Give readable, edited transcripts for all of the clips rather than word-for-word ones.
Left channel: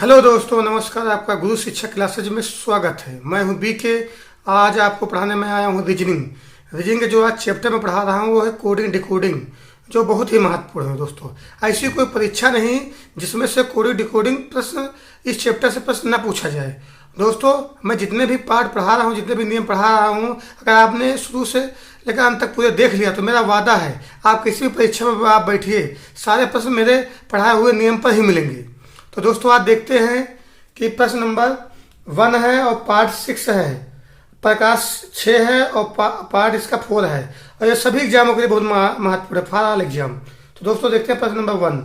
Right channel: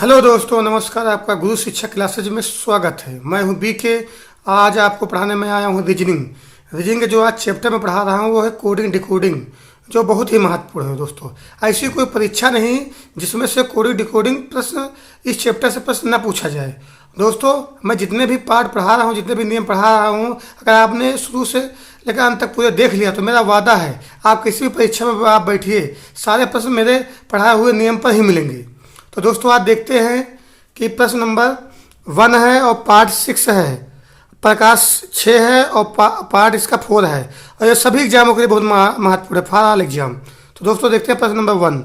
Hello दोस्तों, नमस्कार। आपका गुरु शिक्षा क्लासेज में स्वागत है। मैं हूं बीके। आज आपको पढ़ाने में आया हूं रीजनिंग। रीजनिंग के जो आज चैप्टर में पढ़ा रहा हूं वो है कोडिंग डिकोडिंग, जो बहुत ही महत्वपूर्ण है दोस्तों। ऐसी कोई परीक्षा नहीं जिसमें से कोडिंग डिकोडिंग प्रश्न इस चैप्टर से प्रश्न ना पूछा जाए। दोस्तों, मैं जितने भी पार्ट पढ़ा रहा हूँ, जितने भी नियम पढ़ा रहा हूँ, अगर आपने शुरू से लेकर अंत तक पूरे देख लिया तो मेरा वादा है आप किसी भी परीक्षा में आप बैठिए, सारे प्रश्न मेरे पढ़ाए हुए नियम पर ही मिलेंगे। तो दोस्तों, आज देखते हैं कि प्रश्न नंबर 1 है और पार्ट 6 है, प्रकाश 6 है और पार्ट इसका 4 है। और ये सभी एग्जामों के लिए बहुत महत्वपूर्ण है, फॉर ऑल एग्जाम। तो दोस्तों देखते हैं प्रश्न नंबर 1।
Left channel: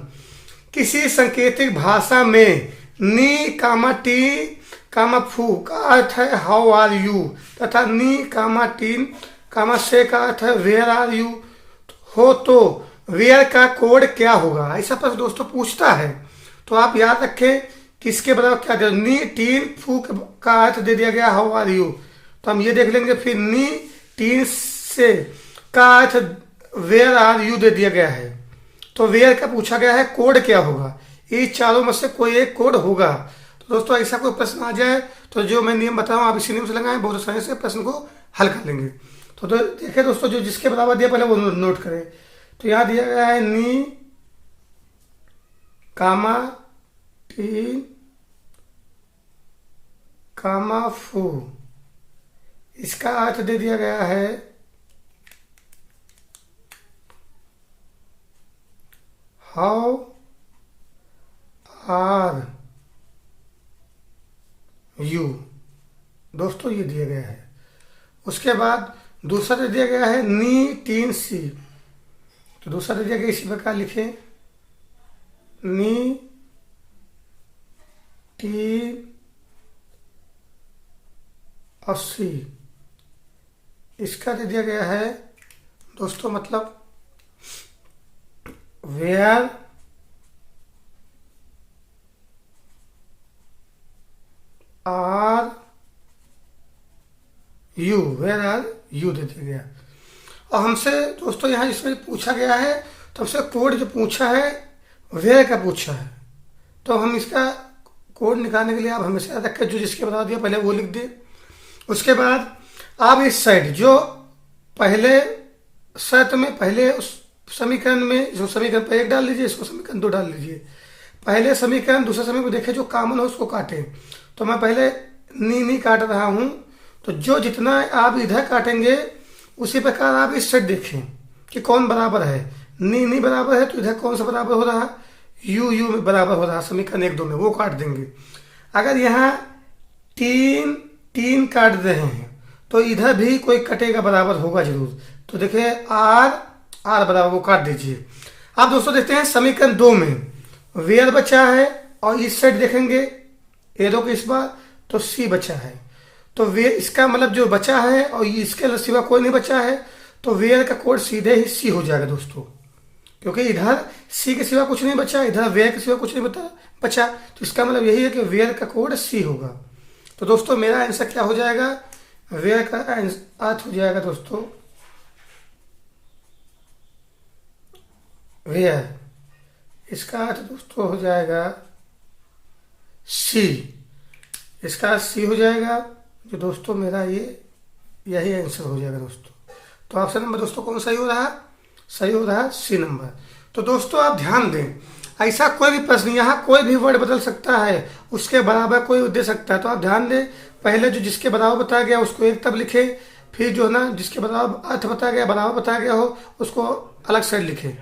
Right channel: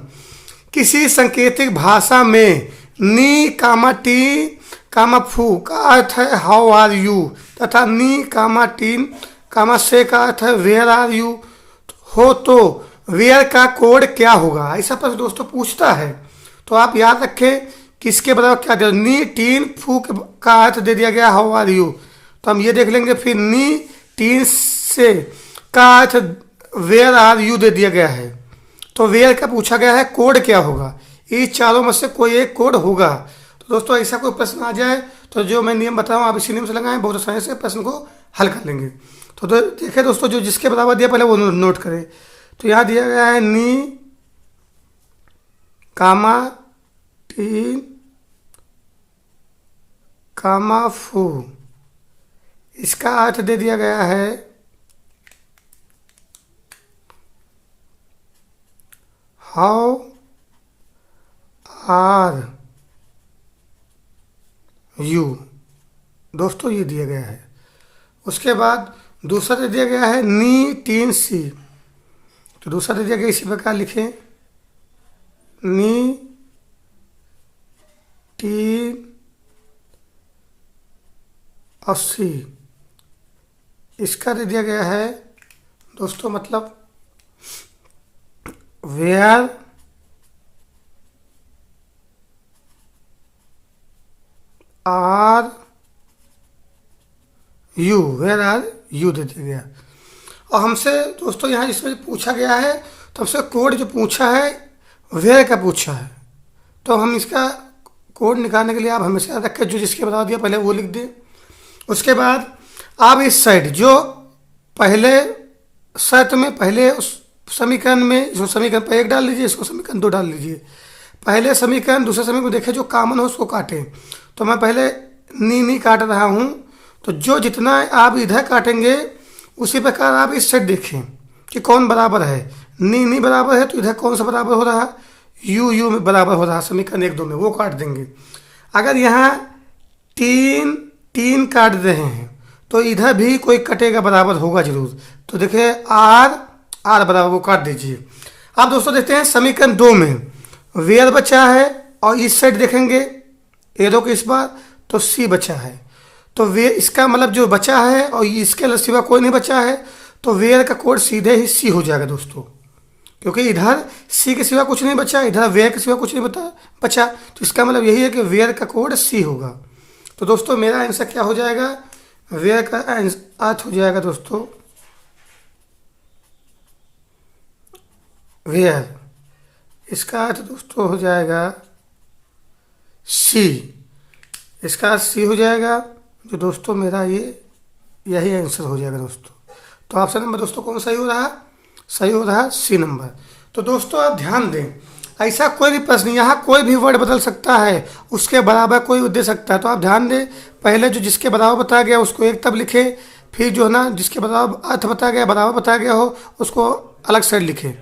किसी सांकेतिक भाषा में नी कामा टी कामा फू का अर्थ है हाउ आर यू, तथा नी कामा टीन कामा से का अर्थ है वेयर आर यू हो, तो वेयर का कोड क्या होगा? ऐसा प्रश्न दोस्तों पूछता है। तो आप याद रखें कि इसके बराबर क्या दे, नी टीन फू का अर्थ दे दिया गया हाउ आर यू, तो हम ये देख लेंगे। फिर नी टीन से का अर्थ वेयर आर यू दे दिया गया है, तो वेयर का पूछा गया है कोड क्या होगा। ये चारों में से कोई एक कोड होगा। तो दोस्तों, ऐसा कोई प्रश्न आ जाए तो जो मैं नियम बताऊं आप इसी नियम से लगाएं, बहुत आसानी से प्रश्न को हल कर लेंगे। तो देखिए दोस्तों, जो जिसके बराबर दिया पहले वो नोट करें। तो यहाँ दिया गया है नी कामा टीन कामा फू, इसका अर्थ दे दिया गया है हाउ आर यू। दोस्तों, ये दिया गया है। उसके बाद दूसरा दे दिया गया है नी टीन सी, तो दूसरा दे दिया गया इसी प्रकार लिखें, नी टीन 80, इसका दे दिया गया है दोस्तों मतलब where are you, where are you दे दिया गया। और हमसे दोस्तों यहाँ इसमें पूछा गया है, तो हमसे कोड जो पूछा है वेयर का पूछा है, तो हम इसका कोड निकालने के लिए आप हमेशा याद रखें जो जिसके बता दिया पहले वो लिख दें। उसके बाद आप इस साइड जो पहले शर्त में पहले उस समीकरण में जो समीकरण पर 1 डाल लीजिए, इसको समीकरण 2 डाल लीजिए। पहले समीकरण दूसरे समीकरण को देखें, जो कॉमन हो उसको काटें। तो मैं पहले नी काट रहा हूँ, तो जो जितना आप इधर काटेंगे उसी प्रकार आप इस साइड देखें कि कौन बराबर है। नी बराबर है तो इधर कौन सा बराबर हो रहा, यू में बराबर हो रहा समीकरण 1 2 में, वो काट देंगे। अगर यहाँ तीन काट रहे हैं तो इधर भी कोई कटेगा, बराबर होगा जरूर। तो देखिए आर बराबर, वो काट दीजिए। अब दोस्तों देखते हैं समीकरण 2 में वेयर बचा है और इस साइड देखेंगे एरो के इस बार तो सी बचा है, तो वे इसका मतलब जो बचा है और इसके सिवा कोई नहीं बचा है, तो वेयर का कोड सीधे ही सी हो जाएगा दोस्तों, क्योंकि इधर सी के सिवा कुछ नहीं बचा, इधर वेयर के सिवा कुछ नहीं बचा, तो इसका मतलब यही है कि वेयर का कोड सी होगा। तो दोस्तों मेरा आंसर क्या हो जाएगा, वेयर का अर्थ हो जाएगा दोस्तों वेयर, इसका अर्थ दोस्तों हो जाएगा सी, इसका सी हो जाएगा, जो दोस्तों मेरा यही आंसर हो जाएगा दोस्तों। तो ऑप्शन नंबर दोस्तों कौन सही हो रहा, सही हो रहा सी नंबर। तो दोस्तों आप ध्यान दें, ऐसा कोई भी प्रश्न यहाँ कोई भी वर्ड बदल सकता है, उसके बराबर कोई दे सकता है। तो आप ध्यान दें, पहले जो जिसके बराबर बताया गया उसको एक तब लिखें, फिर जो है ना जिसके बराबर अर्थ बताया गया बराबर बताया गया हो उसको अलग साइड लिखें,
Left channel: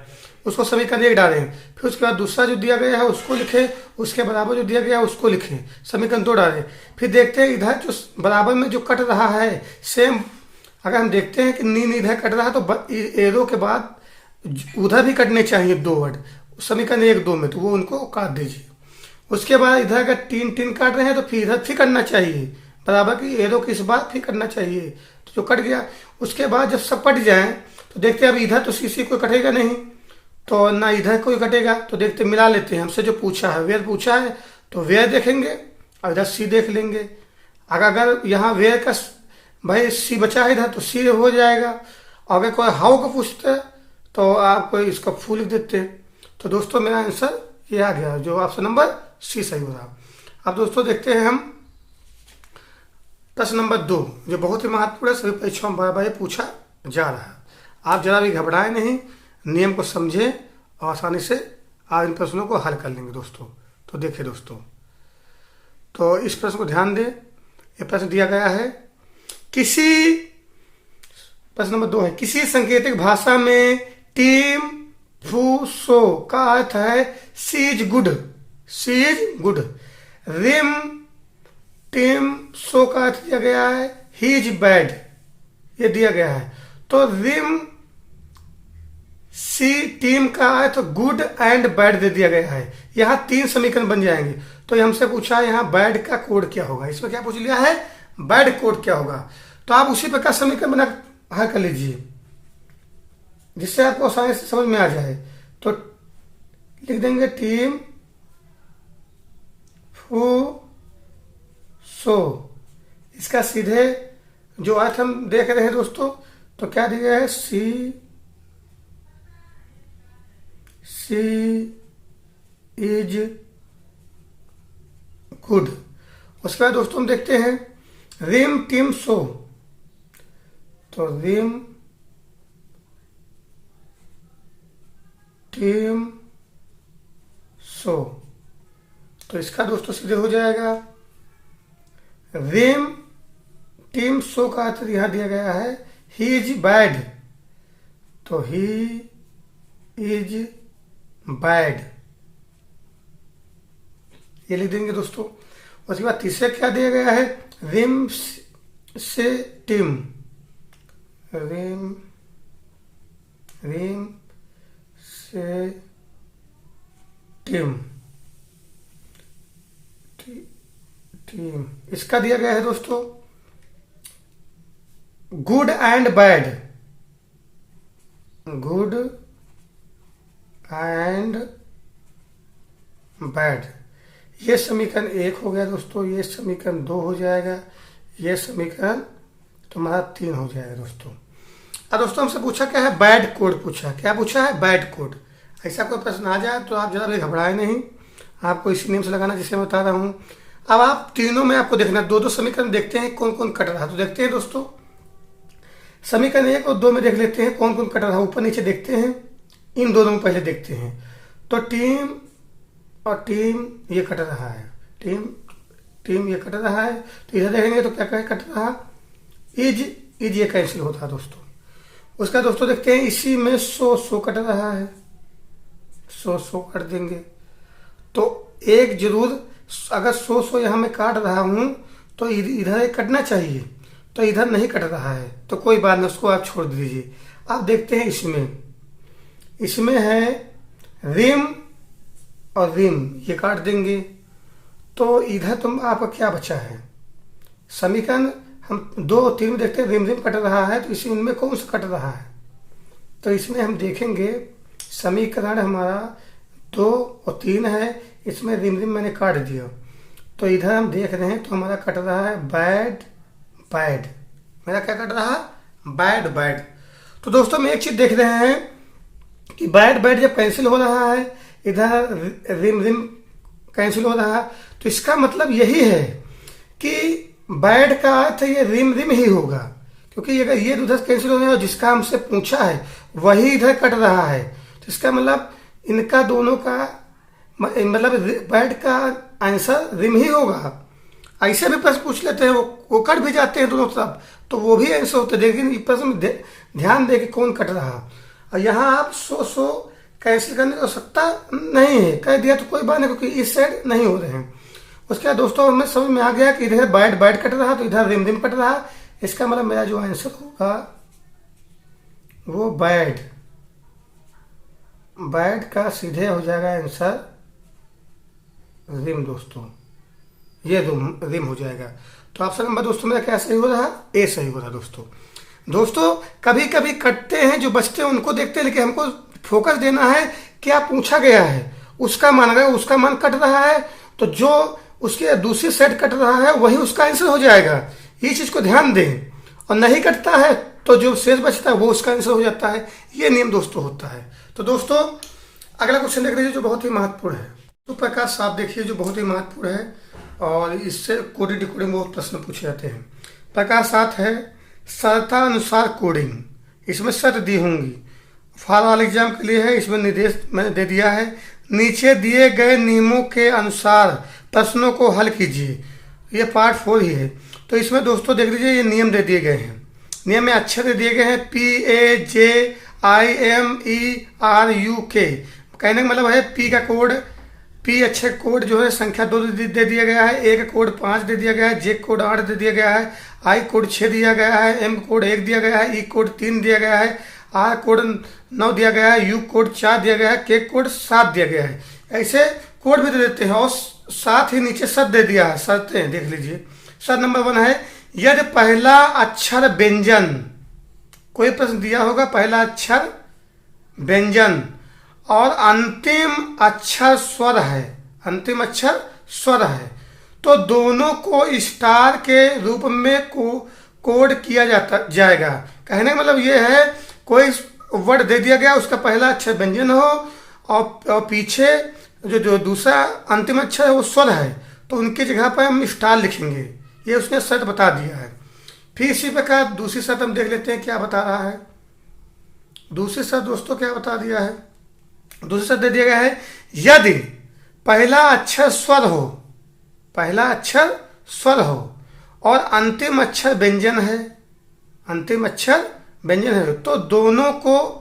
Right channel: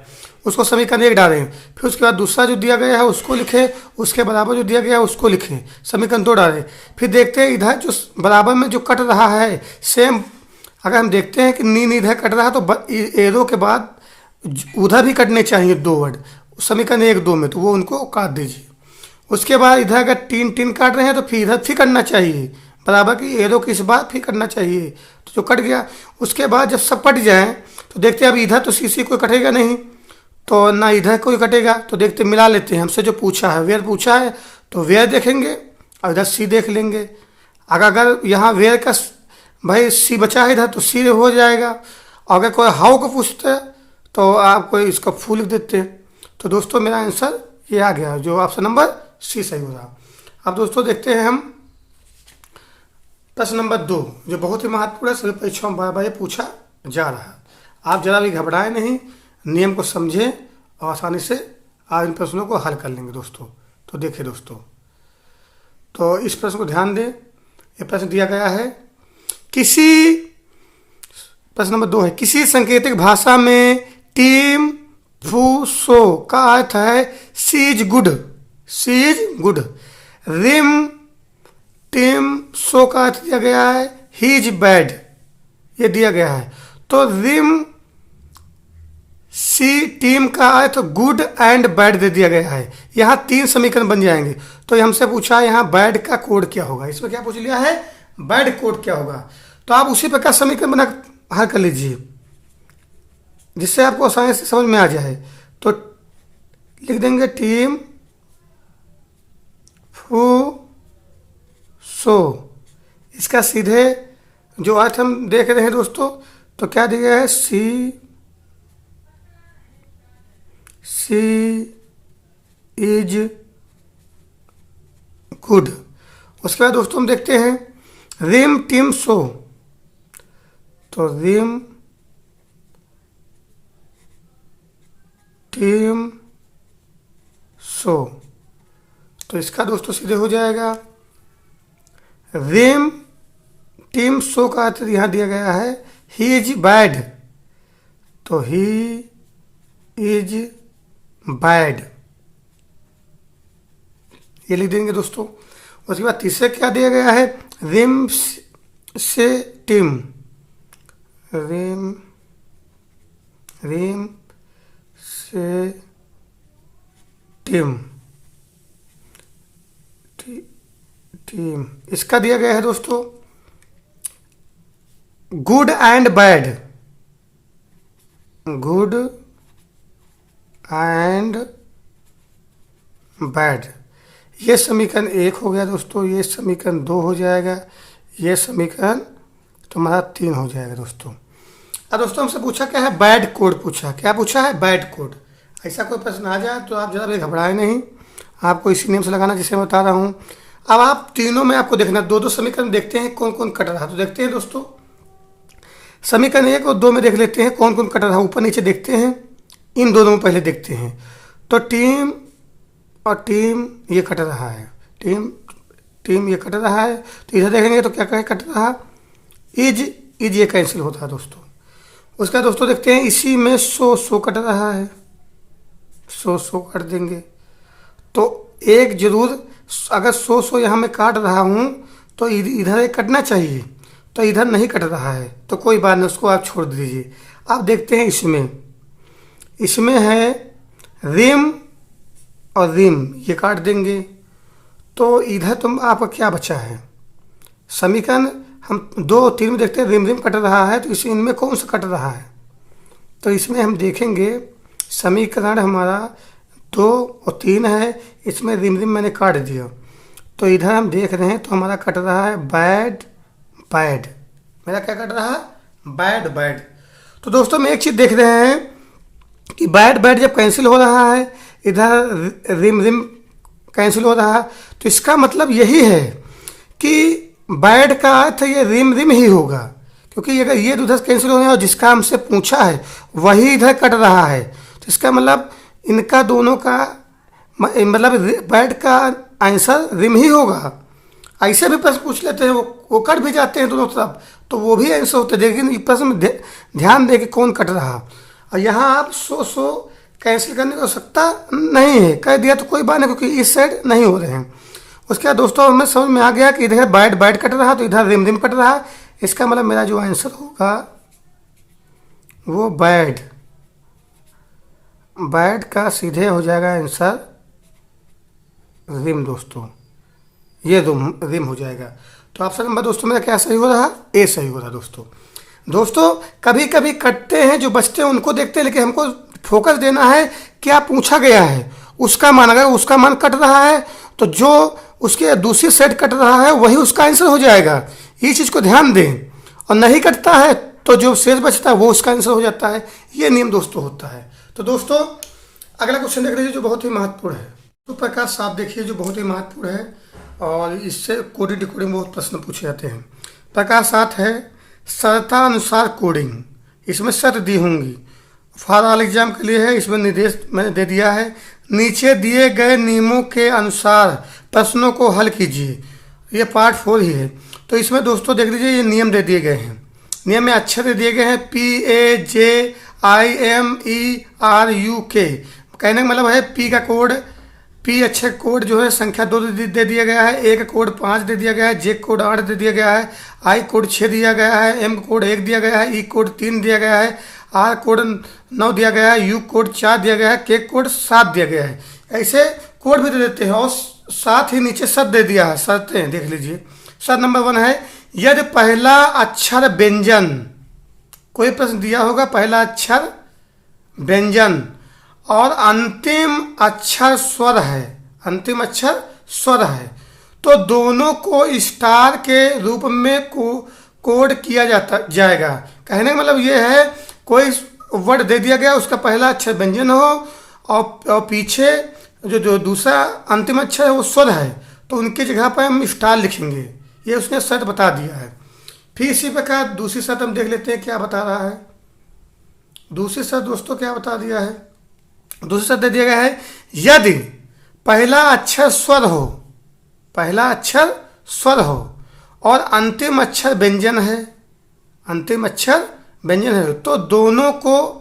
उसको समीकरण 1 डालें। फिर उसके बाद दूसरा जो दिया गया है उसको लिखें, उसके बराबर जो दिया गया है उसको लिखें, समीकरण 2 डालें। फिर देखते हैं इधर जो बराबर में जो कट रहा है सेम, अगर हम देखते हैं कि नी इधर कट रहा है तो एरो के बाद उधर भी कटने चाहिए 2 वर्ड समीकरण 1 2 में, तो वो उनको काट दीजिए। उसके बाद इधर अगर तीन काट रहे हैं तो फिर इधर फिर करना चाहिए बराबर की एरो की इस बार फिर करना चाहिए, तो जो कट गया। उसके बाद जब सब कट जाए तो देखते हैं अब इधर तो सी कोई कटेगा नहीं, तो ना इधर कोई कटेगा, तो देखते मिला लेते हैं। हमसे जो पूछा है वेयर पूछा है तो वेयर देखेंगे और इधर सी देख लेंगे। अगर यहाँ वेयर का भाई सी बचा है इधर तो सी हो जाएगा, और अगर कोई हाउ को पूछते हैं तो आप कोई इसको फू लिख देते हैं। तो दोस्तों मेरा आंसर ये आ गया, जो ऑप्शन नंबर सी सही हो रहा। अब दोस्तों देखते हैं हम प्रश्न नंबर 2, जो बहुत ही महत्वपूर्ण है, सभी परीक्षाओं में बार बार ये पूछा जा रहा है। आप जरा भी घबराएं नहीं, नियम को समझें और आसानी से आप इन प्रश्नों को हल कर लेंगे दोस्तों। तो देखिए दोस्तों, तो इस प्रश्न को ध्यान दें। ये प्रश्न दिया गया है, प्रश्न नंबर 2 है, किसी सांकेतिक भाषा में टीम फू सो का अर्थ है she is good, she is good. रिम टीम सो का अर्थ दिया गया है ही इज बैड, ये दिया गया है। तो रिम सी टीम का अर्थ गुड एंड बैड दे दिया गया है। यहाँ 3 समीकरण बन जाएंगे। तो हमसे पूछा है यहाँ बैड का कोड क्या होगा, इसमें क्या पूछ लिया है, बैड कोड क्या होगा। तो आप उसी प्रकार समीकरण बना हल कर लीजिए जिससे आपको आसानी से समझ में आ जाए। तो लिख देंगे टीम फू सो, इसका सीधे जो अर्थ हम देख रहे हैं दोस्तों, तो क्या दिया गया है, सी इज गुड। उसके बाद दोस्तों हम देखते हैं रिम टीम सो, तो रिम टीम सो, तो इसका दोस्तों सीधे हो जाएगा रिम टीम सो का अर्थ यहां दिया गया है ही इज बैड, तो ही इज बैड, ये लिख देंगे दोस्तों। उसके बाद तीसरे क्या दिया गया है, रिम से टीम, रिम से टीम, टीम, इसका दिया गया है दोस्तों good and bad, good and bad. ये समीकरण 1 हो गया दोस्तों, ये समीकरण 2 हो जाएगा, ये समीकरण तुम्हारा 3 हो जाएगा दोस्तों। अब दोस्तों हमसे पूछा क्या है, बैड कोड पूछा, क्या पूछा है, बैड कोड। ऐसा कोई प्रश्न आ जाए तो आप जरा भी घबराएं नहीं, आपको इसी नियम से लगाना जिसे मैं बता रहा हूँ। अब आप तीनों में आपको देखना, 2-2 समीकरण देखते हैं कौन कौन कट रहा है। तो देखते हैं दोस्तों, समीकरण 1 और 2 में देख लेते हैं कौन कौन कट रहा है, ऊपर नीचे देखते हैं, इन दोनों में पहले देखते हैं। तो टीम और टीम ये कट रहा है, टीम ये कट रहा है। तो इधर देखेंगे तो क्या क्या कट रहा, इज ये कैंसिल होता है दोस्तों। उसका दोस्तों देखते हैं इसी में सो कट रहा है, सो कट देंगे। तो एक जरूर, अगर सो यहाँ मैं काट रहा हूँ तो इधर एक कटना चाहिए, तो इधर नहीं कट रहा है, तो कोई बात नहीं, उसको आप छोड़ दीजिए। आप देखते हैं इसमें है रिम और रिम, ये काट देंगे। तो इधर तुम आपका क्या बचा है, समीकरण हम 2 और 3 में देखते हैं रिम कट रहा है, तो इनमें कौन सा कट रहा है। तो इसमें हम देखेंगे समीकरण हमारा 2 और 3 है, इसमें रिम मैंने काट दिया। तो इधर हम देख रहे हैं तो हमारा कट रहा है बैड, मेरा क्या कट रहा है, बैड। तो दोस्तों हम एक चीज देख रहे हैं कि बैड जब कैंसिल हो रहा है, इधर रिम कैंसिल हो रहा है, तो इसका मतलब यही है कि बैड का अर्थ ये रिम ही होगा, क्योंकि अगर ये उधर कैंसिल हो रहा है और जिसका हमसे पूछा है वही इधर कट रहा है, तो इसका मतलब इनका दोनों का मतलब बैड का आंसर रिम ही होगा। ऐसे भी प्रश्न पूछ लेते हैं, वो कट भी जाते हैं दोनों तरफ, तो वो भी आंसर होते हैं। लेकिन इस प्रश्न में ध्यान दें कि कौन कट रहा। और यहाँ आप सो कैंसिल करने की आवश्यकता नहीं है, कह दिया तो कोई बात नहीं, क्योंकि इस साइड नहीं हो रहे हैं। उसके बाद दोस्तों हमें समझ में आ गया कि इधर बैड कट रहा, तो इधर रिम कट रहा। इसका मतलब मेरा जो आंसर होगा वो बैड का सीधे हो जाएगा आंसर रिम दोस्तों, ये रिम हो जाएगा। तो ऑप्शन नंबर दोस्तों मेरा क्या सही हो रहा, ए सही हो रहा दोस्तों। कभी कभी कटते हैं जो बचते हैं उनको देखते हैं, लेकिन हमको फोकस देना है क्या पूछा गया है उसका मान। अगर उसका मान कट रहा है तो जो उसके दूसरी साइड कट रहा है वही उसका आंसर हो जाएगा, ये चीज को ध्यान दें। और नहीं कटता है तो जो शेष बचता है वो उसका आंसर हो जाता है, ये नियम दोस्तों होता है। तो दोस्तों अगला क्वेश्चन देख लीजिए जो बहुत ही महत्वपूर्ण है। तो प्रकाश साफ देखिए जो बहुत ही महत्वपूर्ण है। और इससे कोडिंग डिकोडिंग में बहुत प्रश्न पूछे जाते हैं। प्रकार 7 है शर्तानुसार कोडिंग। इसमें शर्त दी होंगी, फॉर ऑल एग्जाम के लिए है। इसमें निर्देश मैंने दे दिया है, नीचे दिए गए नियमों के अनुसार प्रश्नों को हल कीजिए। ये पार्ट 4 ही है। तो इसमें दोस्तों देख लीजिए, ये नियम दे दिए गए हैं। नियम में अक्षर दे दिए गए हैं PAJIMERUK। कहने का मतलब है पी का कोड, पी अक्षर कोड जो है संख्या 2 दे दिया गया है, ए का कोड 5 दे दिया गया है, जे कोड 8 दे दिया गया है, आई कोड 6 दिया गया है, एम कोड 1 दिया गया है, ई कोड 3 दिया गया है, आर कोड 9 दिया गया है, यू कोड 4 दिया गया है, के कोड 7 दिया गया है। ऐसे कोड भी दे देते हैं और साथ ही नीचे शर्त दे दिया है। शर्तें देख लीजिए। शर्त नंबर 1 है यदि पहला अक्षर व्यंजन, कोई प्रश्न दिया होगा, पहला अक्षर व्यंजन और अंतिम अक्षर स्वर है, अंतिम अक्षर स्वर है, तो दोनों को स्टार के रूप में कोड किया जाएगा। कहने का मतलब ये है, कोई वर्ड दे दिया गया, उसका पहला अक्षर व्यंजन हो और पीछे जो दूसरा अंतिम अक्षर है वो स्वर है, तो उनकी जगह पर हम स्टार लिखेंगे। ये उसने शर्त बता दिया है। फिर इसी प्रकार दूसरी शर्त हम देख लेते हैं क्या बता रहा है। दूसरी शर्त दोस्तों क्या बता दिया है, दूसरी शर्त दे दिया गया है यदि पहला अक्षर स्वर हो, पहला अक्षर स्वर हो और अंतिम अक्षर व्यंजन है, अंतिम अक्षर व्यंजन है, तो दोनों को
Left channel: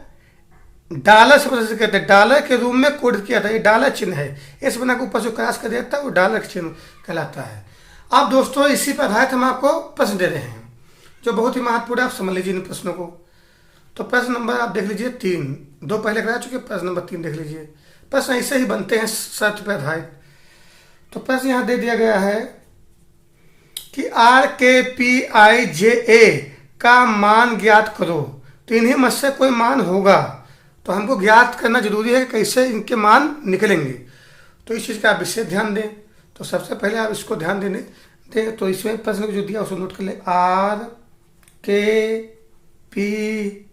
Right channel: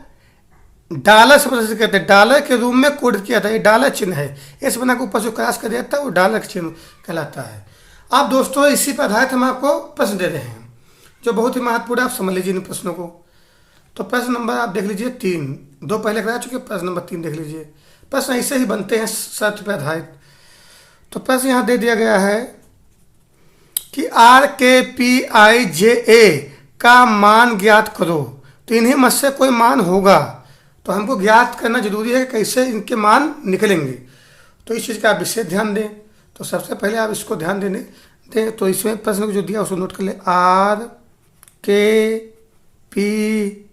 डॉलर से प्रदर्शित कहते हैं, डॉलर के रूप में कोड किया था। ये डॉलर चिन्ह है, इस बना के ऊपर जो क्रॉस कर देता है वो डॉलर चिन्ह कहलाता है। अब दोस्तों इसी पर आधारित हम आपको प्रश्न दे रहे हैं जो बहुत ही महत्वपूर्ण है, आप समझ लीजिए इन प्रश्नों को। तो प्रश्न नंबर आप देख लीजिए 3, 2 पहले करा चुके, प्रश्न नंबर 3 देख लीजिए। प्रश्न ऐसे ही बनते हैं शर्त पर आधारित। तो प्रश्न यहाँ दे दिया गया है कि RKPIJA का मान ज्ञात करो। तो इन्हीं में से कोई मान होगा, तो हमको ज्ञात करना जरूरी है कैसे इनके मान निकलेंगे। तो इस चीज़ का आप विशेष ध्यान दें। तो सबसे पहले आप इसको ध्यान दें। तो इसमें प्रश्न जो दिया उसको नोट कर ले, RKPIJA।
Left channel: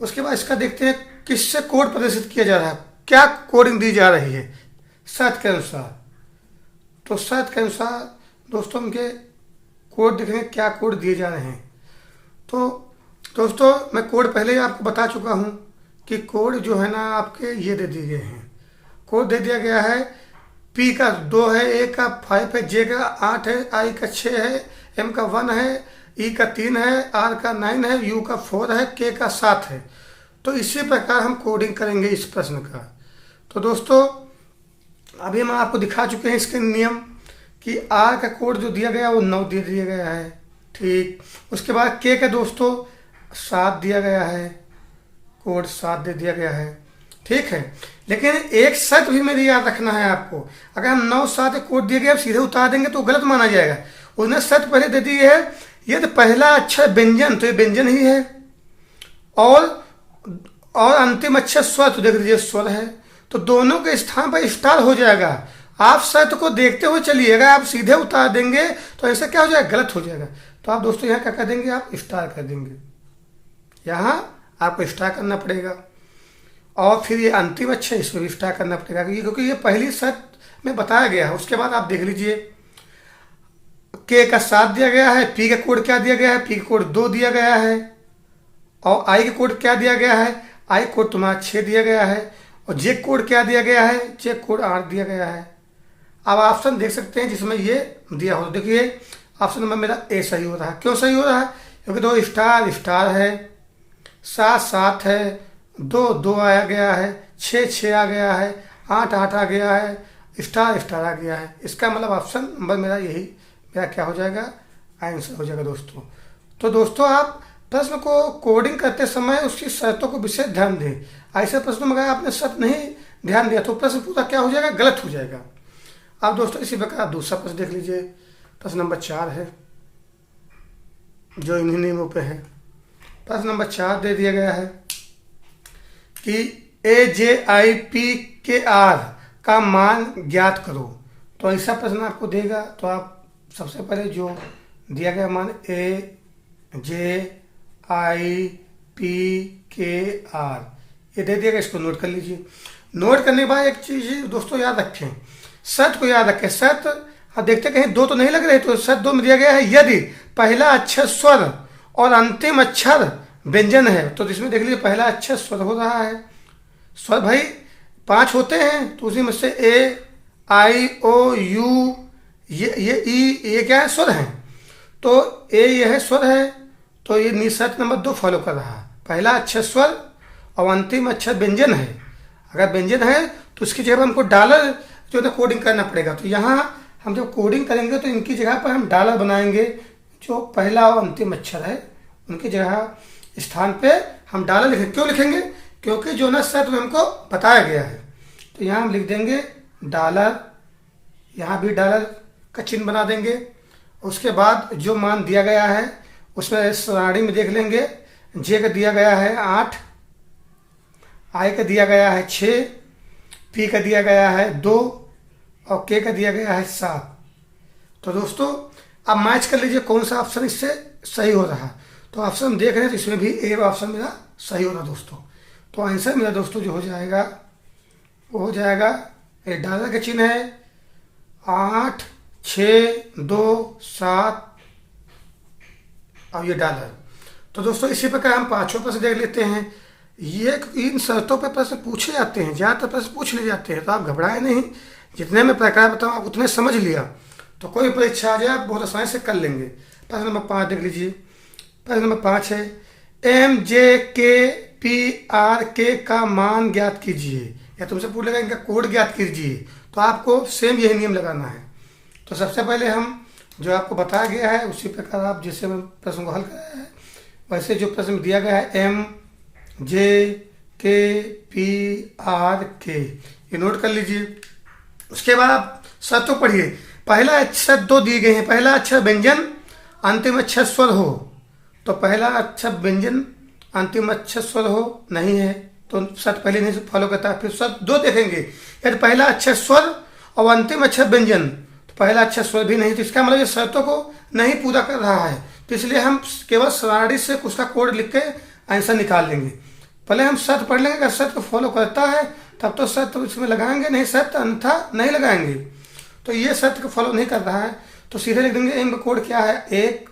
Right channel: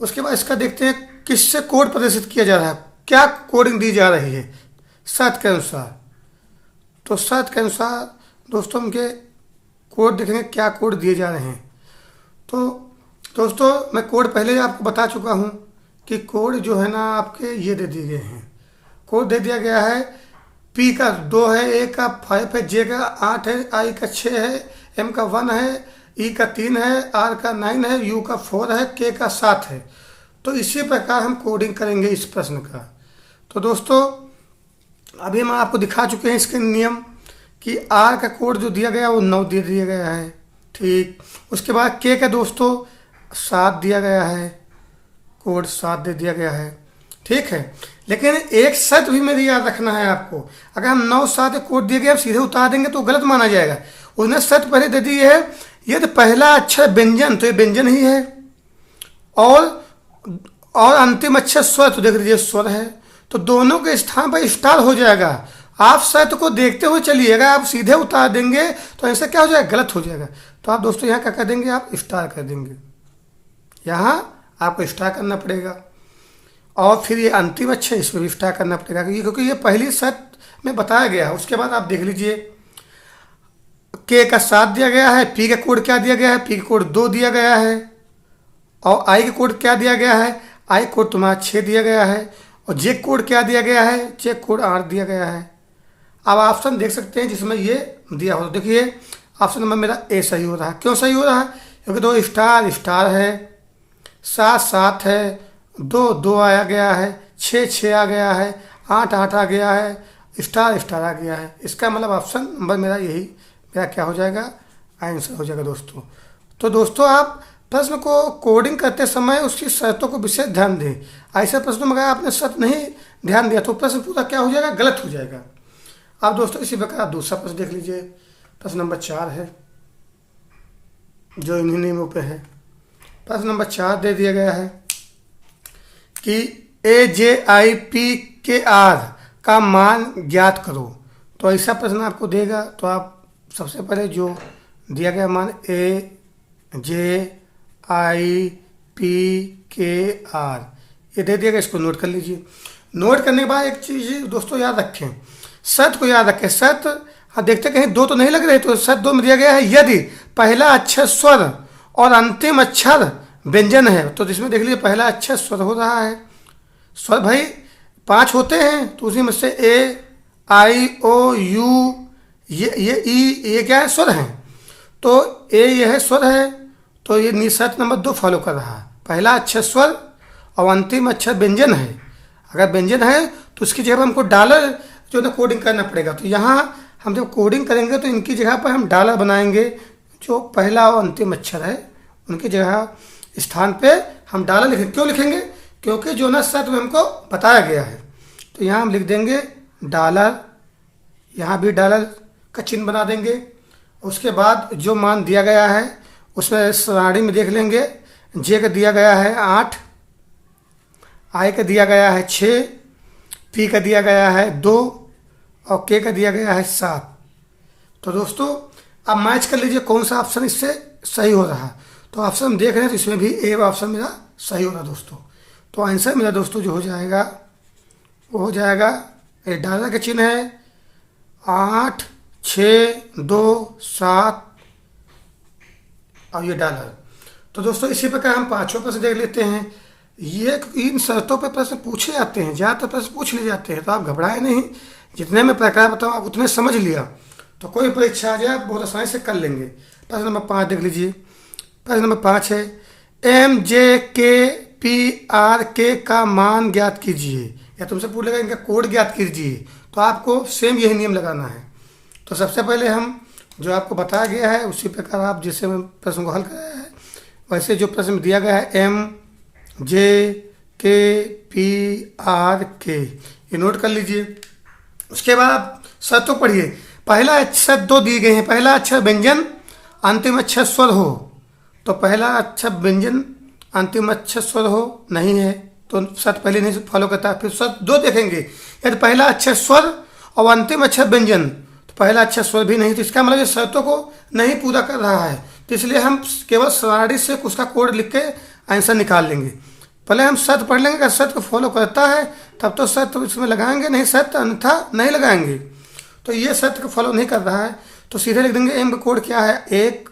उसके बाद इसका देखते हैं किससे कोड प्रदर्शित किया जा रहा है, क्या कोडिंग दी जा रही है शर्त के अनुसार। तो शर्त के अनुसार दोस्तों उनके कोड देखेंगे क्या कोड दिए जा रहे हैं। तो दोस्तों मैं कोड पहले ही आपको बता चुका हूं कि कोड जो है ना आपके ये दे दिए गए हैं। कोड दे दिया गया है, पी का 2 है, ए का 5 है, जे का 8 है, आई का 6 है, एम का 1 है, ई का 3 है, आर का 9 है, यू का 4 है, के का 7 है। तो इसी प्रकार हम कोडिंग करेंगे इस प्रश्न का। तो दोस्तों अभी हम आपको दिखा चुके हैं इसके नियम कि आर का कोड जो दिया गया वो 9 दे दिया गया है, ठीक। उसके बाद के का दोस्तों 7 दिया गया है, कोड 7 दे दिया गया है, ठीक है। लेकिन एक शर्त भी मेरी याद रखना है आपको, अगर हम 9 7 कोड दिए गए सीधे उतार देंगे तो गलत माना जाएगा। उसने शर्त पहले दे दी है यदि पहला अक्षर व्यंजन, तो ये व्यंजन ही है, और अंतिम अक्षर स्वर, तो देख लीजिए स्वर है, तो दोनों के स्थान पर स्टार हो जाएगा। आप शर्त को देखते हुए चलिएगा, आप सीधे उतार देंगे तो ऐसा क्या हो जाएगा, गलत हो जाएगा। तो आप दोस्तों यहाँ क्या कर देंगे, आप स्टार कर देंगे, यहाँ आपको स्टार करना पड़ेगा। और फिर ये अंतिम अक्षर इसको भी स्टार करना पड़ेगा क्योंकि ये पहली शर्त में बताया गया है। उसके बाद आप देख लीजिए के का 7 दिया गया है, पी का कोड क्या दिया गया है, पी का कोड 2 दिया गया है, और आई का कोड क्या दिया गया है, आई कोड तुम्हारा 6 दिया गया है, और जे कोड क्या दिया गया है, जे कोड 8 दिया गया है। अब ऑप्शन देख सकते हैं जिसमें ये दिया हो, देखिए ऑप्शन नंबर मेरा ए सही हो रहा है। क्यों सही हो रहा है, क्योंकि 2 स्टार स्टार है, 7 7 है, 2 2 आया गया है, 6 6 आ गया है, 8 8 आ गया है, स्टार स्टार आ गया है। इसका मतलब ऑप्शन नंबर मेरा यही मेरा क्या हो जाएगा, आंसर हो जाएगा दोस्तों। तो दोस्तों आप प्रश्न को कोडिंग करते समय उसकी शर्तों को विशेष ध्यान दें। ऐसे प्रश्नों में अगर आपने शर्त नहीं ध्यान दिया तो प्रश्न पूरा क्या हो जाएगा, गलत हो जाएगा। अब दोस्तों इसी प्रकार आप दूसरा प्रश्न देख लीजिए। प्रश्न नंबर 4 है जो इन्हीं नियमों पे है। प्रश्न नंबर 4 दे दिया गया है कि AJIPKR का मान ज्ञात करो। तो ऐसा प्रश्न आपको देगा, तो आप सबसे पहले जो दिया गया मान AJIPKR ये दे दिएगा, इसको नोट कर लीजिए। नोट करने के बाद एक चीज़ दोस्तों याद रखें, शर्त को याद रखें। शर्त अब देखते कहीं दो तो नहीं लग रहे, तो शर्त दो में दिया गया है यदि पहला अक्षर स्वर और अंतिम अक्षर व्यंजन है। तो इसमें देख लीजिए पहला अक्षर स्वर हो रहा है। स्वर भाई 5 होते हैं, तो उसी में से ए आई ओ यू ये ई ये क्या है, स्वर है। तो ए यह है स्वर है, तो ये निशर्त नंबर 2 फॉलो कर रहा है। पहला अक्षर स्वर और अंतिम अक्षर व्यंजन है। अगर व्यंजन है तो उसकी जगह पर हमको डॉलर जो है कोडिंग करना पड़ेगा। तो यहाँ हम जब कोडिंग करेंगे तो इनकी जगह पर हम डॉलर बनाएंगे। जो पहला और अंतिम अक्षर है उनकी जगह स्थान पे हम डॉलर लिखेंगे। क्यों लिखेंगे? क्योंकि जो ना शर्त में हमको बताया गया है। तो यहाँ हम लिख देंगे डॉलर, यहाँ भी डॉलर का चिन्ह बना देंगे। उसके बाद जो मान दिया गया है उसमें सारणी में देख लेंगे। जे का दिया गया है 8, आई का दिया गया है 6, पी का दिया गया है 2 और के का दिया गया है 7। तो दोस्तों अब मैच कर लीजिए कौन सा ऑप्शन इससे सही हो रहा है। तो ऑप्शन हम देख रहे हैं तो इसमें भी ए ऑप्शन मेरा सही हो रहा दोस्तों। तो आंसर मेरा दोस्तों जो हो जाएगा वो हो जाएगा, ये डॉलर का चिन्ह है 8 6 2 7 और ये डॉलर। तो दोस्तों इसी प्रकार हम पांचों प्रश्न देख लेते हैं। ये इन शर्तों पर प्रश्न पूछे जाते हैं, ज़्यादातर प्रश्न पूछ लिए जाते हैं। तो आप घबराए नहीं, जितने में प्रकार बताऊँ आप उतने समझ लिया तो कोई परीक्षा आ जाए आप बहुत आसानी से कर लेंगे। प्रश्न नंबर 5 देख लीजिए। प्रश्न नंबर 5 है एम जे के पी आर के का मान ज्ञात कीजिए, या तुमसे पूछ लेगा इनका कोड ज्ञात कीजिए। तो आपको सेम यही नियम लगाना है। तो सबसे पहले हम जो आपको बताया गया है उसी प्रकार आप जिससे प्रश्न को हल कराया है वैसे जो प्रश्न दिया गया है एम जे के पी आर के, ये नोट कर लीजिए। उसके बाद आप शर्तों पढ़िए। पहला अक्षर 2 दिए गए हैं, पहला अक्षर व्यंजन अंतिम अक्षर स्वर हो। तो पहला अक्षर व्यंजन अंतिम अक्षर स्वर हो नहीं है, तो शर्त पहले नहीं फॉलो करता। फिर शर्त 2 देखेंगे, यदि पहला अक्षर स्वर और अंतिम अक्षर व्यंजन, तो पहला अक्षर स्वर भी नहीं, तो इसका मतलब शर्तों को नहीं पूरा कर रहा है। तो इसलिए हम केवल सारणी से उसका कोड लिख के आंसर निकाल लेंगे। पहले हम शर्त पढ़ लेंगे, अगर शर्त को फॉलो करता है तब तो शर्त उसमें लगाएंगे, नहीं शर्त अन्यथा नहीं लगाएंगे। तो ये शर्त को फॉलो नहीं कर रहा है तो सीधे लिख देंगे एम का कोड क्या है 1,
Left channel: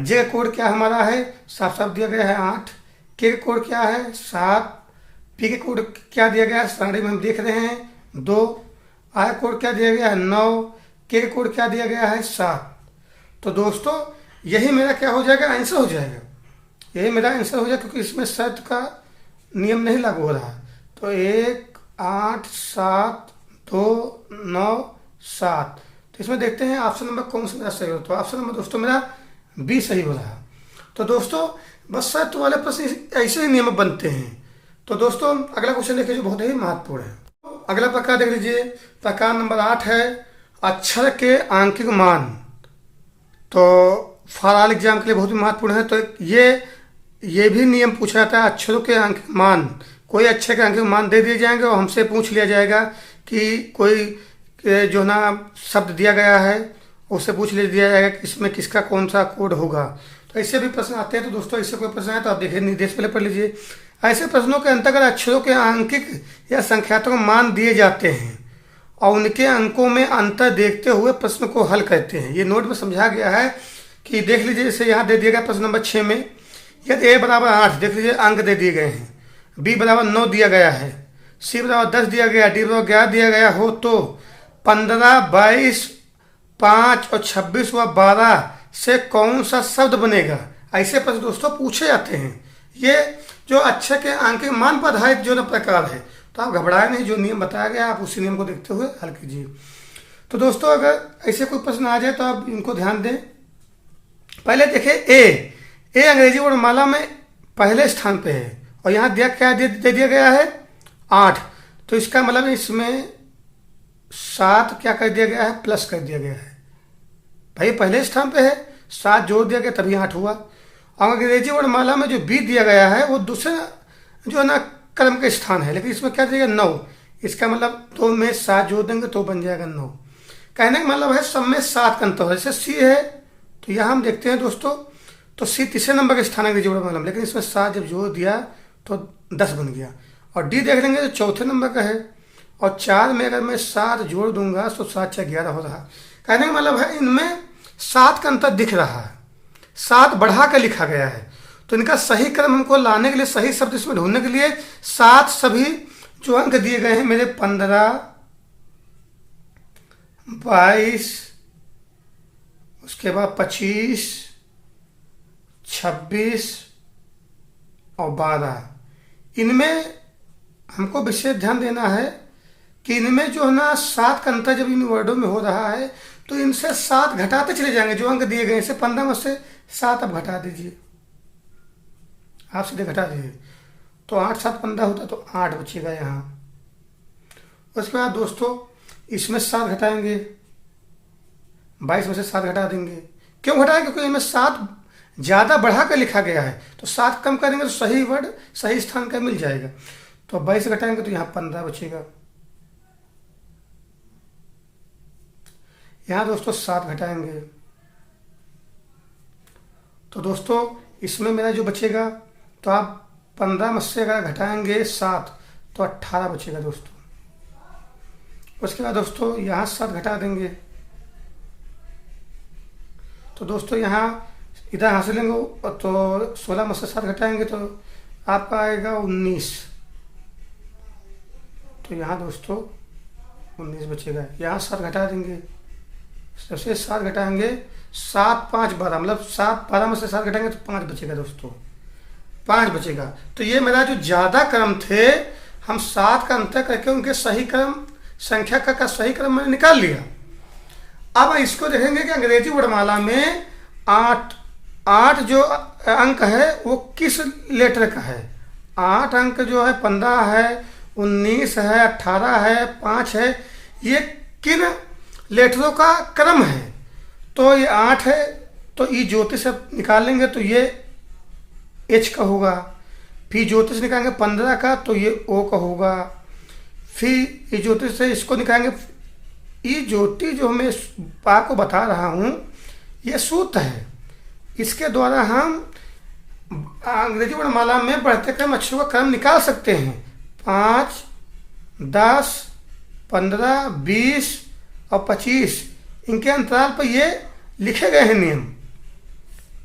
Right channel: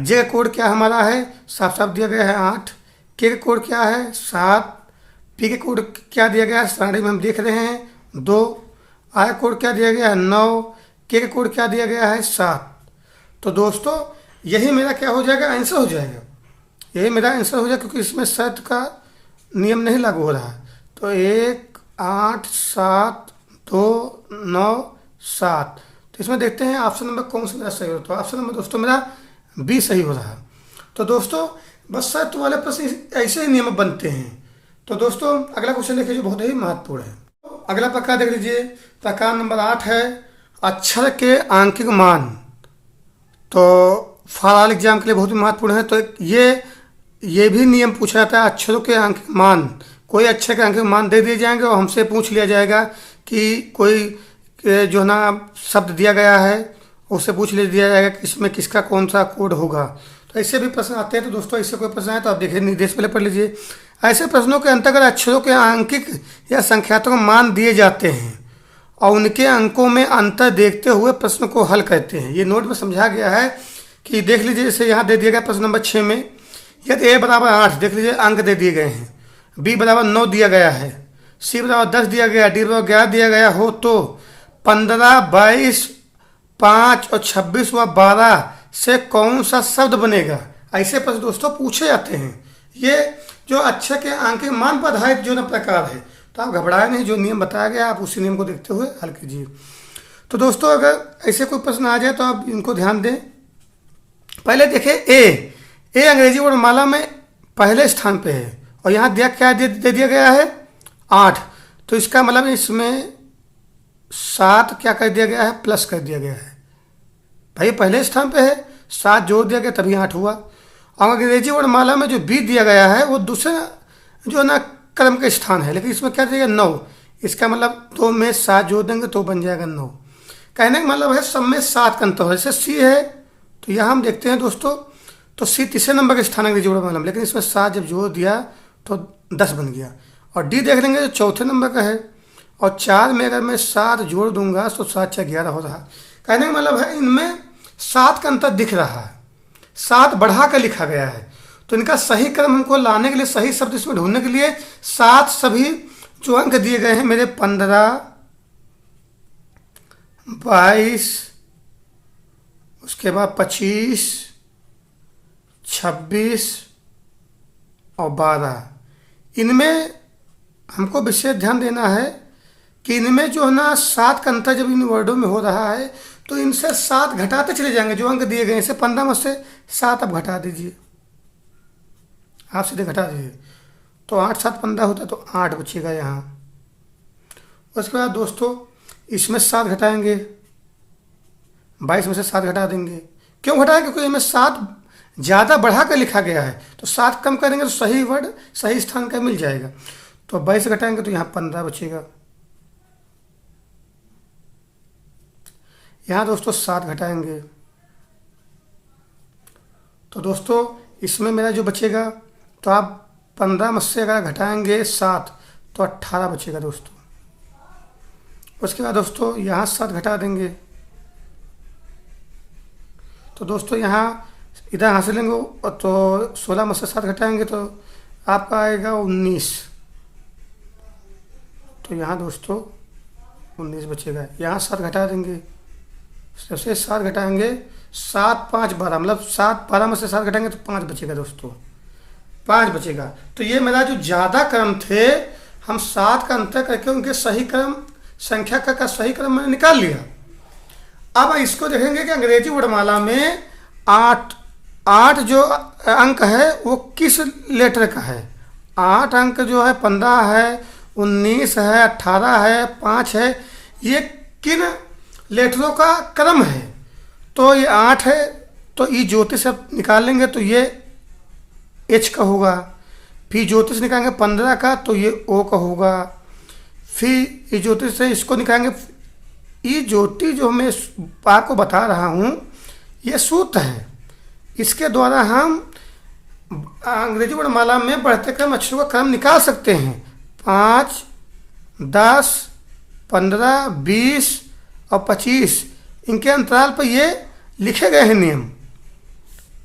जे का कोड क्या हमारा है साफ साफ दिया गया है 8, के का कोड क्या है 7, पी का कोड क्या दिया गया है सारणी में हम देख रहे हैं 2, आई कोड क्या दिया गया है 9, के का कोड क्या दिया गया है 7। तो दोस्तों यही मेरा क्या हो जाएगा, आंसर हो जाएगा। यही मेरा आंसर हो जाएगा क्योंकि इसमें शर्त का नियम नहीं लागू हो रहा है। तो 1 8 7 2 9 7। तो इसमें देखते हैं ऑप्शन नंबर कौन सा मेरा सही होता है। ऑप्शन नंबर दोस्तों मेरा बी सही हो रहा है। तो दोस्तों बस शर्त वाले प्रश्न ऐसे ही नियम बनते हैं। तो दोस्तों अगला क्वेश्चन देखिए जो बहुत ही महत्वपूर्ण है। अगला प्रकार देख लीजिए, प्रकार नंबर 8 है अक्षर के आंकिक मान। तो फॉर एग्जाम के लिए बहुत ही महत्वपूर्ण है। तो ये भी नियम पूछा जाता है, अक्षरों के अंक मान, कोई अक्षर के अंक मान दे दिए जाएंगे और हमसे पूछ लिया जाएगा कि कोई जो ना शब्द दिया गया है उससे पूछ लिया जाएगा कि इसमें किसका कौन सा कोड होगा। तो ऐसे भी प्रश्न आते हैं। तो दोस्तों इससे कोई प्रश्न आए तो आप देखिए निर्देश पहले पढ़ लीजिए। ऐसे प्रश्नों के अंतर्गत अक्षरों के आंकिक या संख्यात्मक मान दिए जाते हैं और उनके अंकों में अंतर देखते हुए प्रश्न को हल करते हैं। ये नोट में समझा गया है कि देख लीजिए, जैसे यहाँ दे दिया गया प्रश्न नंबर 6 में यदि ए बराबर 8 देख लीजिए अंक दे दिए गए हैं, बी बराबर 9 दिया गया है, सी बराबर 10 दिया गया, डी बराबर 11 दिया गया हो तो 15 22 5 और 26 व 12 से कौन सा शब्द बनेगा। ऐसे प्रश्न दोस्तों पूछे जाते हैं। ये जो अक्षर के अंक मान पर आधारित जो ना प्रकार है। तो आप घबराए नहीं, जो नियम बताया गया आप उसी नियम को देखते हुए हल कीजिए। तो दोस्तों अगर ऐसे कोई प्रश्न आ जाए तो आप इनको ध्यान दें। पहले देखें ए अंग्रेजी वर्णमाला में पहले स्थान पे है और यहाँ दिया क्या दे दिया गया है 8। तो इसका मतलब इसमें 7 क्या कर दिया गया है प्लस कर दिया गया है। भाई पहले स्थान पे है, 7 जोड़ दिया गया तभी 8 हुआ। और अंग्रेजी वर्णमाला में जो बी दिया गया है वो दूसरे जो है ना क्रम का स्थान है, लेकिन इसमें क्या दिया 9। इसका मतलब 2 में 7 जोड़ देंगे तो बन जाएगा 9। कहने का मतलब है सब में 7 का अंतर है। जैसे सी है तो यहाँ हम देखते हैं दोस्तों, तो सी तीसरे नंबर के स्थान अंग्रेजी वर्णमाला में, लेकिन इसमें 7 जब जोड़ दिया तो 10 बन गया। और डी देख लेंगे जो चौथे नंबर का है, और 4 में अगर मैं 7 जोड़ दूंगा तो 7 6 11 हो रहा। कहने का मतलब है इनमें 7 का अंतर दिख रहा है, 7 बढ़ा कर लिखा गया है। तो इनका सही क्रम हमको लाने के लिए, सही शब्द इसमें ढूंढने के लिए 7 सभी जो अंक दिए गए हैं मेरे 15, 22, उसके बाद 25, 26 और 12, इनमें हमको विशेष ध्यान देना है कि इनमें जो है ना 7 का अंतर जब इन वर्डों में हो रहा है तो इनसे 7 घटाते चले जाएंगे। जो अंक दिए गए हैं इसे 15 में से 7 अब घटा दीजिए, आप सीधे घटा दीजिए तो 8 7 15 होता है, तो 8 बचेगा यहाँ। उसके बाद दोस्तों इसमें 7 घटाएंगे, 22 में से 7 घटा देंगे। क्यों घटाएंगे? क्योंकि इसमें 7 ज़्यादा बढ़ा कर लिखा गया है, तो 7 कम करेंगे तो सही वर्ड सही स्थान का मिल जाएगा। तो 22 घटाएंगे तो यहाँ 15 बचेगा। यहाँ दोस्तों 7 घटाएंगे तो दोस्तों इसमें मेरा जो बचेगा, तो आप 15 में से अगर घटाएंगे 7 तो 18 बचेगा दोस्तों। उसके बाद दोस्तों यहाँ 7 घटा देंगे तो दोस्तों यहाँ इधर हासिल लेंगे तो 16 में से 7 घटाएंगे तो आपका आएगा 19। तो यहाँ दोस्तों 19 बचेगा। यहाँ 7 घटा देंगे, सबसे 7 घटाएंगे, 7 5 12, मतलब 7 12 में से 7 घटाएंगे तो 5 बचेगा दोस्तों, 5 बचेगा। तो ये मेरा जो ज़्यादा क्रम थे, हम 7 का अंतर करके उनके सही क्रम संख्या का सही क्रम मैंने निकाल लिया। अब इसको देखेंगे कि अंग्रेजी वर्णमाला में 8 जो अंक है वो किस लेटर का है। 8 अंक जो है 15 है, 19 है, 18 है, 5 है, ये किन लेटरों का क्रम है। तो ये 8 है तो ई ज्योतिष निकाल लेंगे तो ये एच का होगा। फिर ज्योतिष निकालेंगे 15 का तो ये ओ का होगा। फिर ई ज्योतिष से इसको निकालेंगे, ई ज्योति जो मैं आपको बता रहा हूँ ये सूत्र है, इसके द्वारा हम अंग्रेजी वर्णमाला में बढ़ते क्रम अक्षरों का क्रम निकाल सकते हैं। 5, 10, 15, 20 और 25 इनके अंतराल पर ये लिखे गए हैं नियम।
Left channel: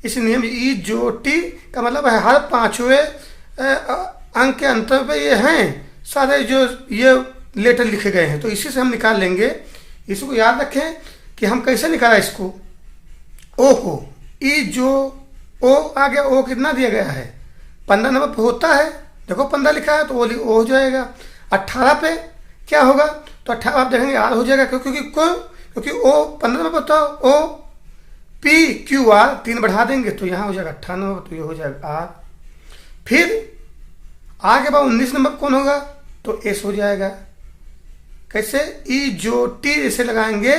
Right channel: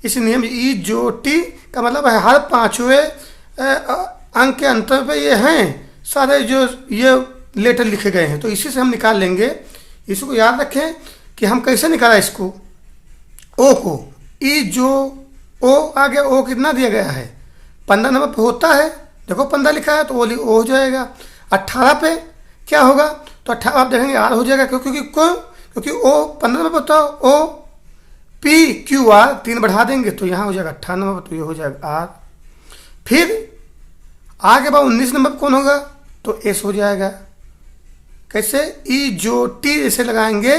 इस नियम ई जो टी का मतलब है हर 5वें अंक के अंतर पे ये हैं सारे जो ये लेटर लिखे गए हैं। तो इसी से हम निकाल लेंगे। इसको याद रखें कि हम कैसे निकाला इसको, ओ को, ई जो ओ आ गया, ओ कितना दिया गया है 15 नंबर पे होता है, देखो 15 लिखा है तो वो ओ हो जाएगा। 18 पे क्या होगा, तो 18 आप देखेंगे आर हो जाएगा, क्योंकि ओ 15 नंबर पर ओ पी क्यू आर 3 बढ़ा देंगे तो यहाँ हो जाएगा 18 नंबर, तो ये हो जाएगा आर। फिर आगे बाद 19 नंबर कौन होगा, तो एस हो जाएगा। कैसे, ई जो टी ऐसे लगाएंगे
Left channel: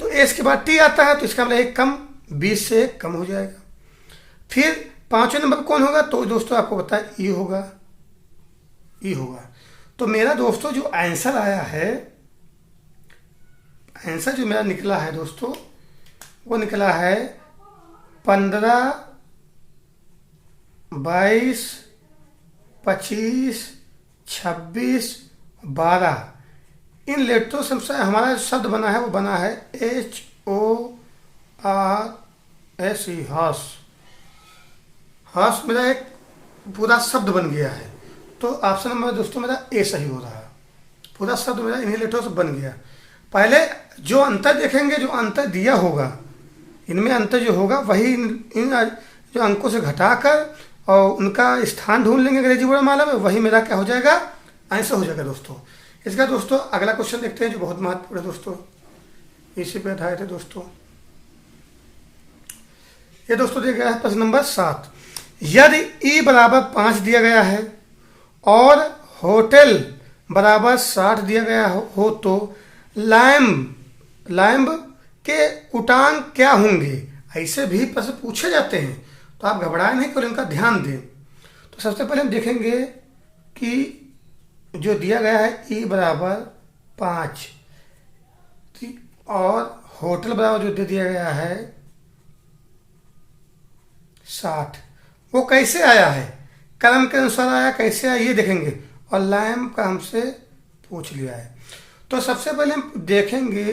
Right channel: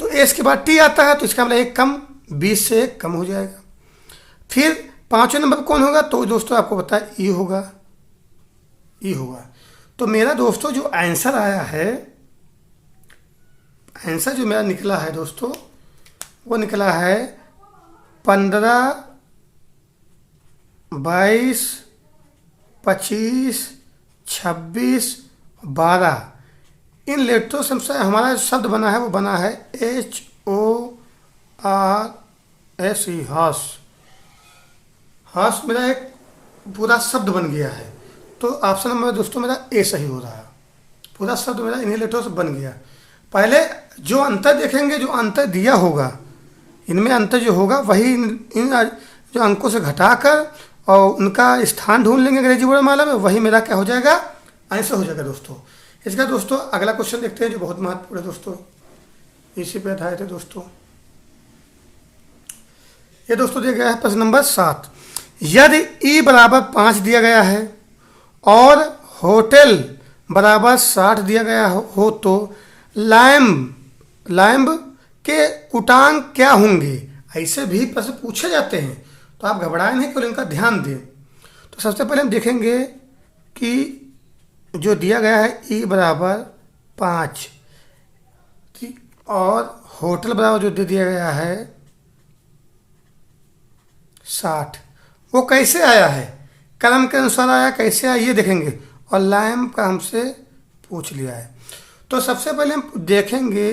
तो एस के बाद टी आता है तो इसका मतलब एक कम, 20 से एक कम हो जाएगा। फिर 5वें नंबर कौन होगा, तो दोस्तों आपको पता है ई होगा, ई होगा। तो मेरा दोस्तों जो आंसर आया है, आंसर जो मेरा निकला है दोस्तों वो निकला है 15, 22, 25, 26, 12। इन लेटरों से हमारा शब्द बना है वो बना है HORSE, हॉर्स। हॉर्स मेरा एक पूरा शब्द बन गया है। तो ऑप्शन नंबर दोस्तों मेरा ए सही हो रहा है। पूरा शब्द मेरा इन्हीं लेटरों से बन गया। पहले जो अंतर देखेंगे, जो अंतर दिया होगा इनमें अंतर जो होगा वही इन जो अंकों से घटाकर और उनका स्थान ढूंढ लेंगे अंग्रेजी वर्णमाला में, वही मेरा क्या हो जाएगा, आंसर हो जाएगा दोस्तों। इसका दोस्तों अगला क्वेश्चन देखते हैं जो बहुत महत्वपूर्ण है दोस्तों, इसी पे आधारित है दोस्तों। ये दोस्तों दिया गया है प्रश्न नंबर 7। यदि ई बराबर 5 दिया गया है और होटल बराबर 60 दिया गया हो तो लैम्ब के उटांग क्या होंगे। ऐसे भी प्रश्न पूछे जाते हैं तो आप घबराएं नहीं, केवल इनका ध्यान दें। तो सबसे पहले हम देखेंगे कि जो दिया गया है ई बराबर 5 और होटल बराबर जो दे दिया गया है 60, वो कैसे आया है, कलम के अनुसार आया, कैसे आया ये देखेंगे, और लैम्प का हमसे पूछ लिया है। तो सबसे पहले हम देखेंगे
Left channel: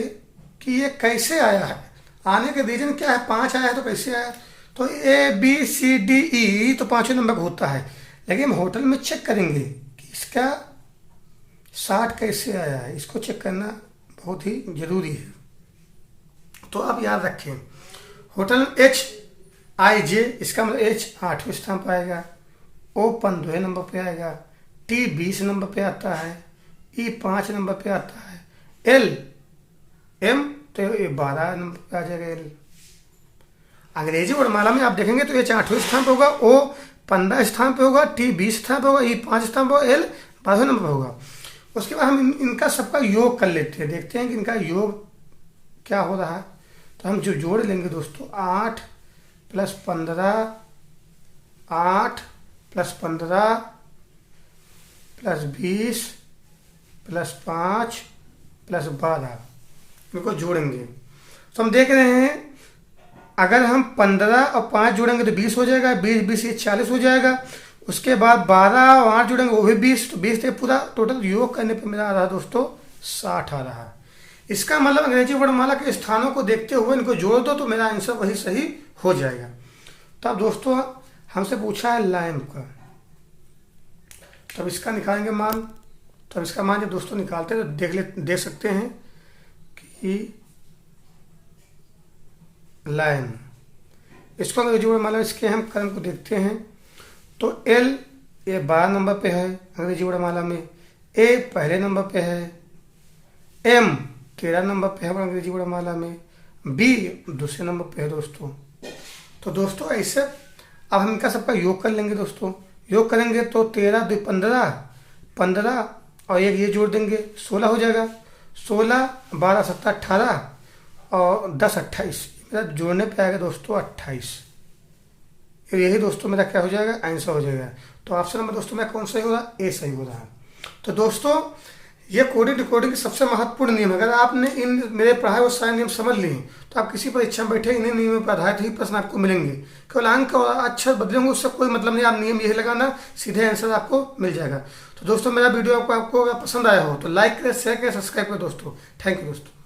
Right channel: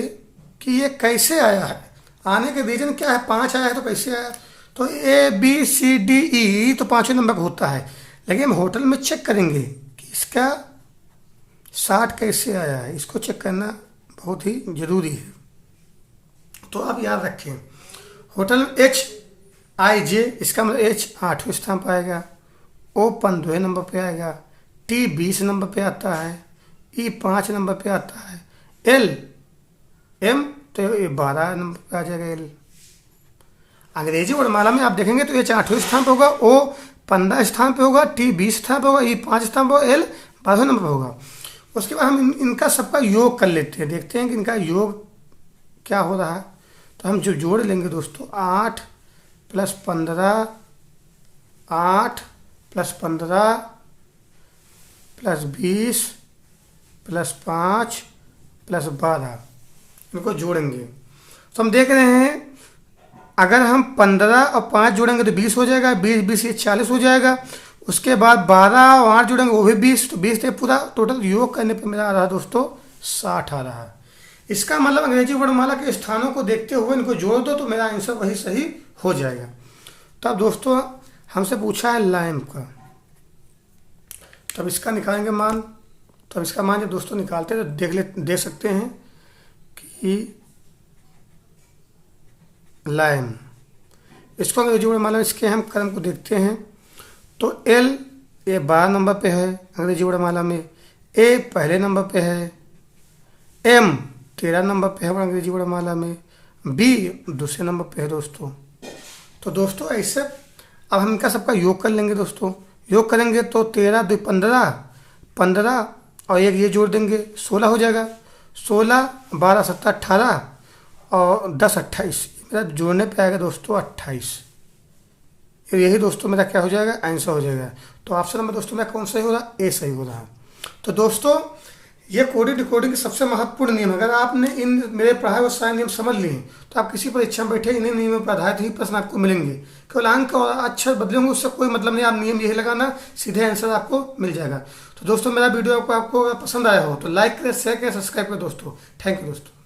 कि ये कैसे आया है, आने के रीजन क्या है। 5 आया है तो कैसे आया, तो ABCDE तो 5वें नंबर का होता है, लेकिन हम होटल में चेक करेंगे कि इसका 60 कैसे आया है, इसको चेक करना बहुत ही जरूरी है। तो आप याद रखें, होटल HIJ, इसका मतलब H 8वें स्थान पर आएगा, O 15वें नंबर पे आएगा, T 20 नंबर पे आता है, E 5 नंबर पे आता है, M तो ये 12 नंबर पे आ जाएगा L। अंग्रेजी वर्णमाला में आप देखेंगे तो H 8वें स्थान पे होगा, O 15 स्थान पे होगा, T 20 स्थान पे होगा, E 5 स्थान पे होगा, L 12 नंबर पे होगा। उसके बाद हम इनका सबका योग कर लेते हैं, देखते हैं कि इनका योग क्या हो रहा है। तो हम जो जोड़ लेंगे दोस्तों, 8 + 15, 8 + 15 + 20 + 5 + 12, इनको जोड़ेंगे तो हम देख रहे हैं, अगर हम 15 और 5 जोड़ेंगे तो 20 हो जाएगा, 20 ये 40 हो जाएगा। उसके बाद 12 और 8 जोड़ेंगे वो भी 20, तो 20 से पूरा टोटल योग करने पर मेरा आ रहा है दोस्तों 60 आ रहा है। इसका मतलब अंग्रेजी वर्णमाला के स्थानों को देखते हुए इनको जोड़ दो तो मेरा आंसर वही सही हो जाएगा। तब दोस्तों हमसे पूछा है लैम्प का, तब इसका निकालेंगे मान। तब इसका मान जब दोस्तों निकालते हैं तो देख सकते हैं कि लैम्प, इसको अंग्रेजी वर्णमाला इसके हम क्रम को देखते हैं तो L ये 12 नंबर पे है अंग्रेजी वर्णमाला में, A पहले नंबर पे है, M 13 नंबर पे है अंग्रेजी वर्णमाला में, B दूसरे नंबर पे है दोस्तों। तो दोस्तों ऐसे अब हम इनका सबका योग कर लेंगे दोस्तों। योग करेंगे तो 13 2 15, 15 और एक ये जोड़ देंगे 16 हो जाएगा, 16 12 17 18 और 10 28, मेरा जोड़ने पे आएगा दोस्तों 28। यही दोस्तों मेरा क्या हो जाएगा, आंसर हो जाएगा। तो ऑप्शन नंबर दोस्तों मेरा कौन सा हो रहा, ए सही हो रहा है। तो दोस्तों ये कोडिंग डिकोडिंग के सबसे महत्वपूर्ण नियम है। अगर आपने इन मेरे पढ़ाए हुए सारे नियम समझ लिए तो आप किसी परीक्षा में बैठे इन्हीं नियमों पर आधारित ही प्रश्न आपको मिलेंगे। केवल अंक और अक्षर बदलेंगे उससे कोई मतलब नहीं, आप नियम यही लगाना, सीधे आंसर आपको मिल जाएगा। तो दोस्तों मेरा वीडियो आपको पसंद आया हो तो लाइक करें, शेयर करें, सब्सक्राइब करें दोस्तों। थैंक यू दोस्तों।